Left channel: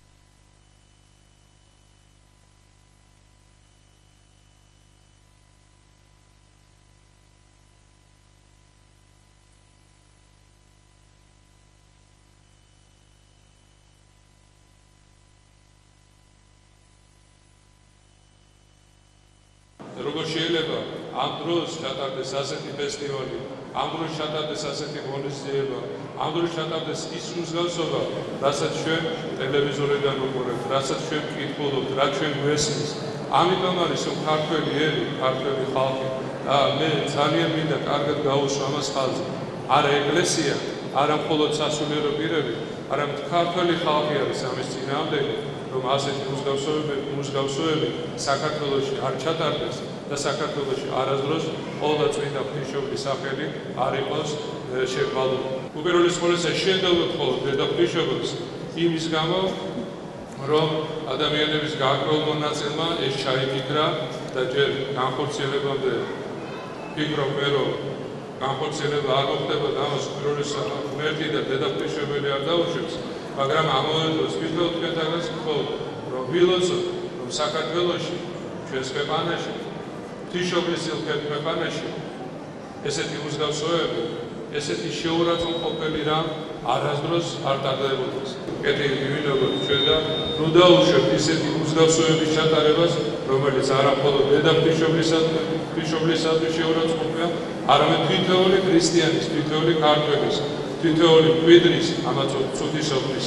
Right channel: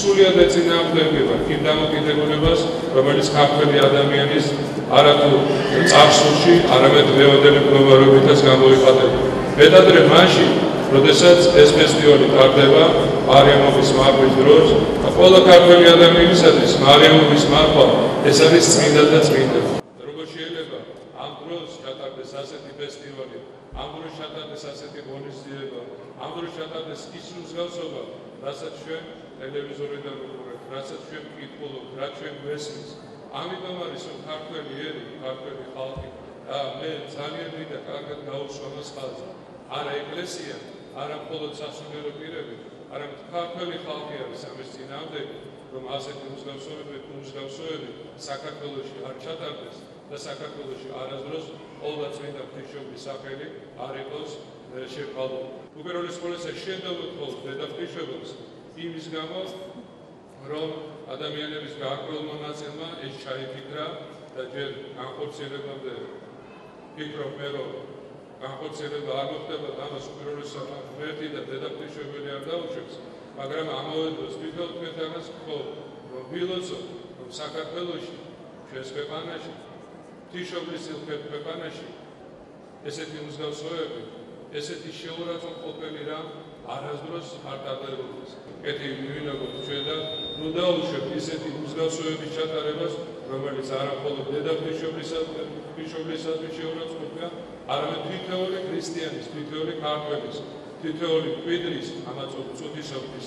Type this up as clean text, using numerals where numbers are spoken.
სულიად ეწინააღმდეგება იმ დამოკიდებულებას, რომელიც ქართველი ადამიანის არათუ წარსულში, არამედ მეოდელი მდგომარეობითაც გამოიხატება. მეტადრე მაშინ, როდესაც ეს ფესტივალი ტარდება მარიამობის მარხვის დროს, ყველა ქართველი ადამიანისათვის მარიამობის მარხვა ეს არის წმინდა და წმინდა. Როგორ შეიძლება ამ დროს ჩატარდეს ასეთი ფესტივალი, ამ დროს ჩატარდეს ასეთი ღონისძიება, ამ დროს ჩატარდეს ის მსგავსება, რასაც ჩვენ ტელევიზორიდან ვუყურებთ, რასაც ჩვენ ვკითხულობთ, რაც ჩვენ გვესმის. ამიტომ არის რომ ქართველი ერი, ქართველი ხალხი და მე ძალიან მინდა კარგად გავუსვა ამას ხაზს. არა ეკლესია, არა მხოლოდ სასულიერო პირები, არამედ ქართველი ხალხი არის ამის წინააღმდეგი, რომ ასეთი მსგავსებები საქართველოში არ ჩატარდეს და საქართველოში არასდროს ყოველდღე წმინდა ღვთისმშობლის სახელი არ იყოს შეღვალული. უპირველეს ყოვლისა შედევთ მხოლოდ დედა ღვთისმშობელს იმის გამო, რომ ადამიანების გარკვეულ ნაწილმა ეს ჩაიგიგრა და ჯერ განხორციელებამდე ფიქრობ, რომ განხორციელება არ მოხდება და ამას უპირველესად ღმერთი და დედა ღვთისმშობელი არ დაუშვებს, მაგრამ ამავე დროს ვიტყოდ თქვენთანაც მხოლოდ, რომ ვილოცოთ, რომ საქართველოში, ჩვენს ქვეყანაში, ღვთისმშობლის ქვეყანაში ესეთი მსგავსებები, ესეთი შეურაცხმყოფელი რამ არასდროს არ ტარდებოდეს. კეთილი მივინებოთ ჩვენ და ნუ დაუშვებთ ისეთი მსგავსებების ჩატარებას, რომელიც არა მხოლოდ დედა ღვთისმშობლისადმი შეურაცხყოფია, არამედ თითოეული ქრისტიანის, თითოეული ქართველის, თითოეული მკვიდრის, ამაც ცუდისობრის